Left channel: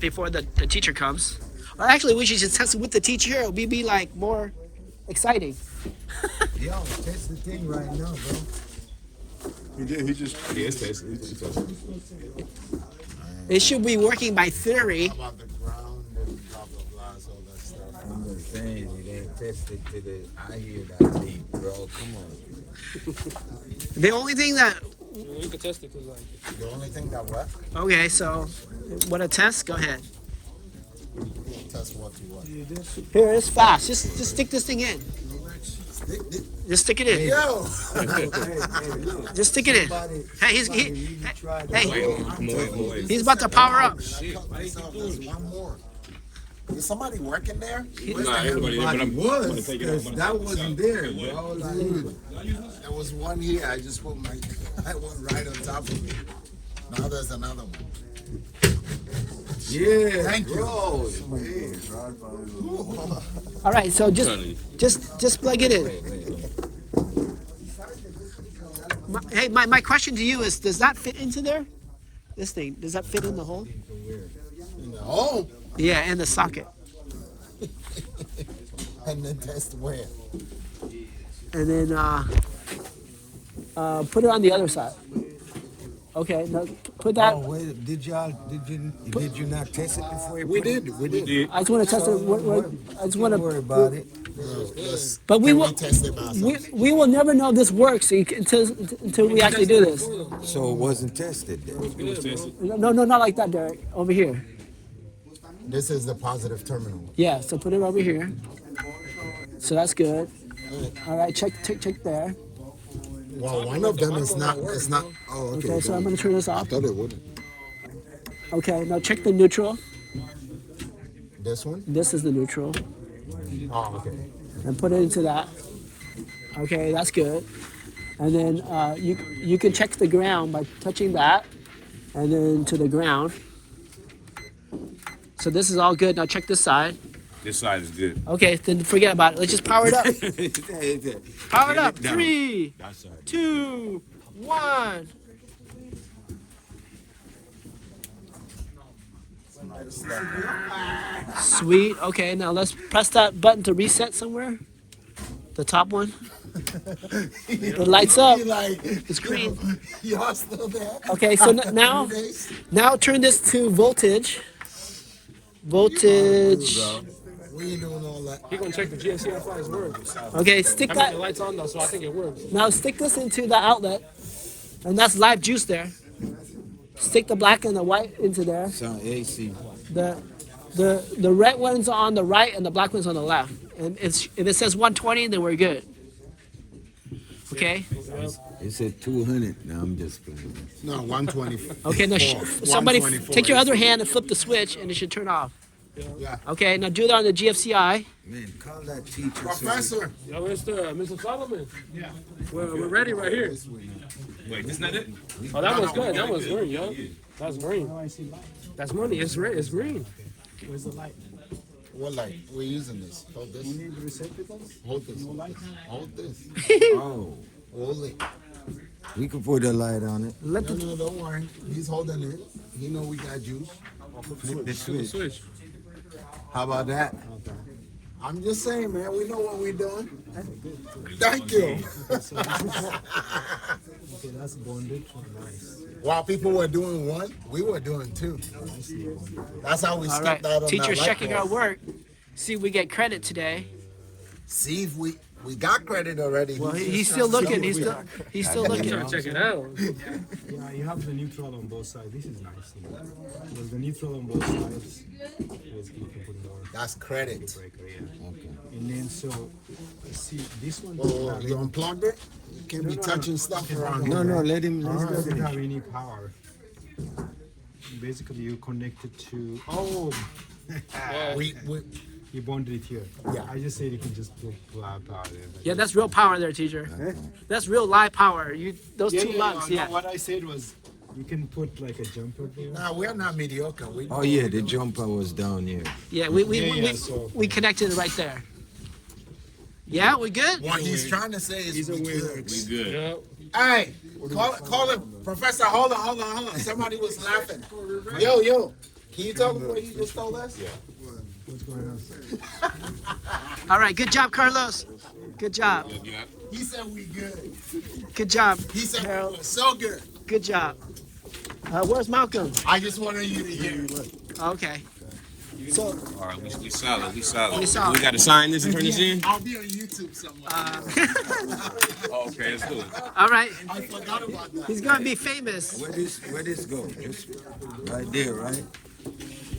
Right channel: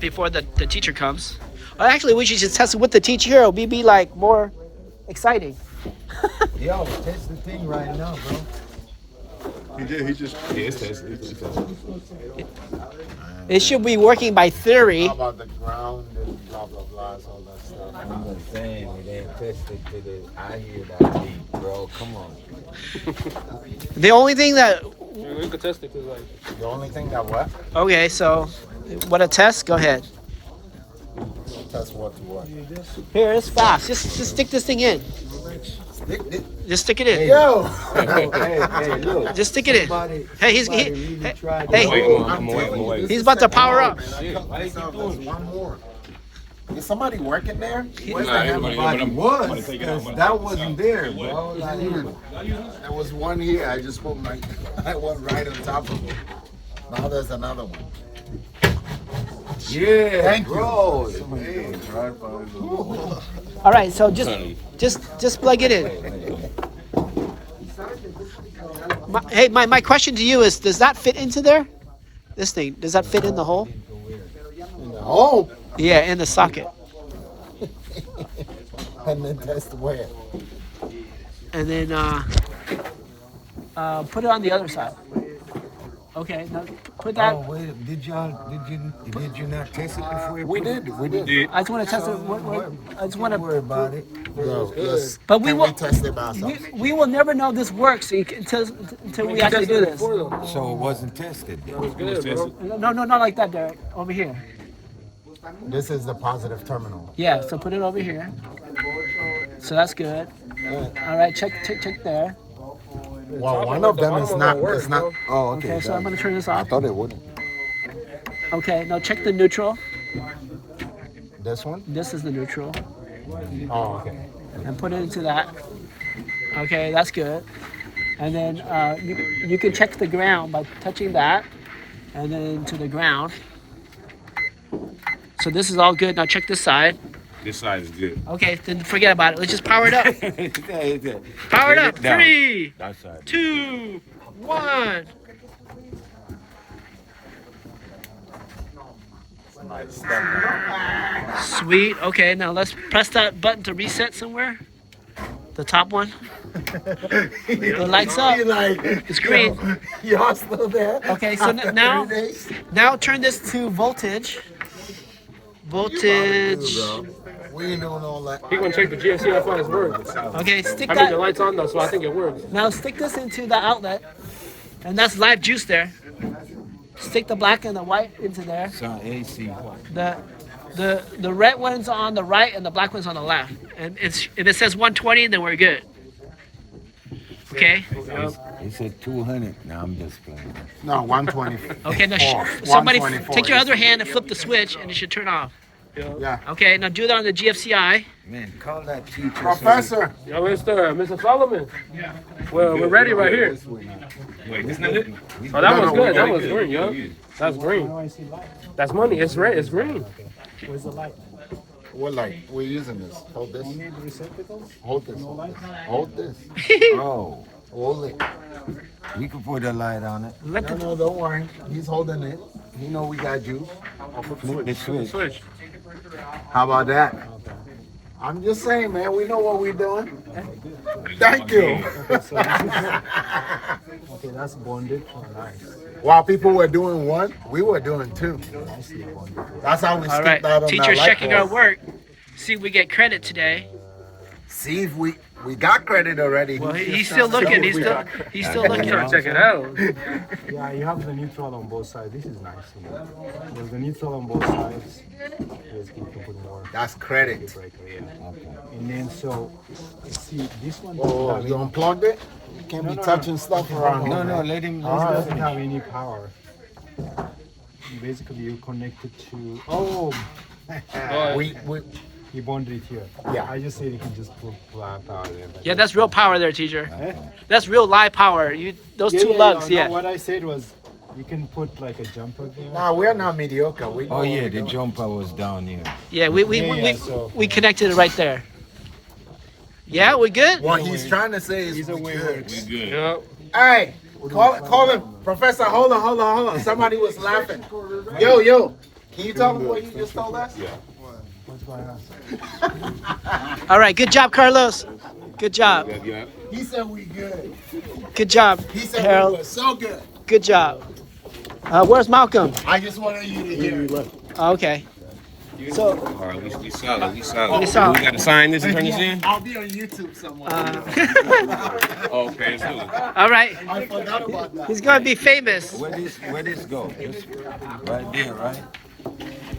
Before the teacher comes. Well, actually, we should just test it with the teacher here. It'll be like more exciting. Yo, test the thing right now, bro. It's tested. It should be working by theory. How about the ground and blah blah blah, all that stuff. I'm just saying, we didn't test it to the. I hear that beat, bro. Come on. The only thing that. We could test it because like. The only thing that what? Okay, so what a test? Go ahead. Test what to what? Here, it's fast. Just stick this thing in. Just stick it in. Yo! hey, look. Just stick it in. Hey, he's he's about to power up. There's one more. Is somebody working there? Everybody was, because that wasn't there, bro. Like, There was one here. I just put my one right on top of it. Now there's another one. yeah, Thank you. bro. All right, so just plug it in. My question to you is, does that fit into there? This thing, does that fit in the hole? Oh! Yeah, in the socket. And then test where? And then put it on the other side. Okay, now put that. Oh wait, did you not test it before? We did. I just want to test it. I just want Don't worry to. about it. Yo, let's, But we can will. we test it by ourselves? We will never know this works until we actually do this. So it wasn't tested. Then. No, not like that, Derek. Over here. This is the positive terminal. Yeah, so put it over here. So that's good. All right, check there. Well, one of them is not. It's not. Oh, okay. Okay, so I'm gonna turn this I off. thought it wouldn't. Okay, now check the neutral. This one? This is the neutral, Oh, okay. and put it into that. Okay, that's good. And then you can check the ground by touching that, and then to the ground. So this is all good. Now check this side. This side is good. Okay, then forget about it. Let's just power it up. Power it up. 3, That side. 2, 1. Sweet. Okay, now let's press that button to reset somewhere. The top one. The lights up. Like, It's green. y'all still there? Okay, so After now 3 days? now turn this to voltage. Voltage. We ain't doing all that. He's gonna check the GFC how far it works. Okay, stick I mean the that. lights on though, so I think it works. Now stick this into the outlet, and that's live juice there. Stick the black and the white into there. It's on AC. The red one's on the right and the black one's on the left. And if it says 120, then we're good. Okay. It said 200. Now I'm just playing. No, 120. Okay. Now somebody take your other hand and flip the switch, and it should turn off. Yeah. Okay. Now do that on the GFCI. Man, call that teacher. Professor. Yo, Mr. Solomon. Yeah. Well, we're ready right here. Wait, that's not it? Oh, that was good. That was green, yo. That's green. That's money. It's red. It's green. Where's the light? What light? We're using this. Hold this. Only the receptacles? Hold this. No light? Hold this. Oh, Hold it. you can put a light on it. Let No, the no, don't worry. He's holding it. He know we got juice. Flip the switch. Switch. How about that? I'm just saying, man. We know what we're doing. Thank you. Okay, that's bonded. Oh, nice. While people were doing one, we were doing two. That's how we all skipped right. out on Teacher's that light checking our bulb. work. See if we get credit today. See if we got credit already. Well, he's still looking. He's still looking. Check it out. Yeah, you have the neutral on both sides. This is nice. There's the neutral on both sides. Basically, you can put more That's credit. breaker, yeah. And then so, see, this one Oh, doesn't you have unplugged it? You can't be no, touching stuff around No, here. no, let him. this doesn't have any power. Basically, you connect it to. Oh, We you bonded it here. Yeah. I just said you can just put power there. but- Yeah, that's real power there, teacher. That's real live power. Those two lugs, no, yeah. What I said was, you can put like a jumper there. Nah, we're not mediocre. We Oh yeah, the jumper was down here. Yeah, so- we connected it right there. Yeah, we good? What he's trying to say is Either we way good. works. Good. Yeah. Hey, call him. Professor, hold on. Somebody was laughing. Yo, Can you tell them what you just told us? What's going on? All right, good job, Carlos. Good job. He said we good. Good job, He said Harold. we were so good. Good job. Where's Malcolm? I just wanted you to hear it. Okay. So, All right, we solid. We solid. We solid. We got to sign this and turn this in? I'll be on YouTube somewhere. Oh, okay, let's do it. all right. I forgot about that. He's gonna be famous. Where this go? Just right there, right?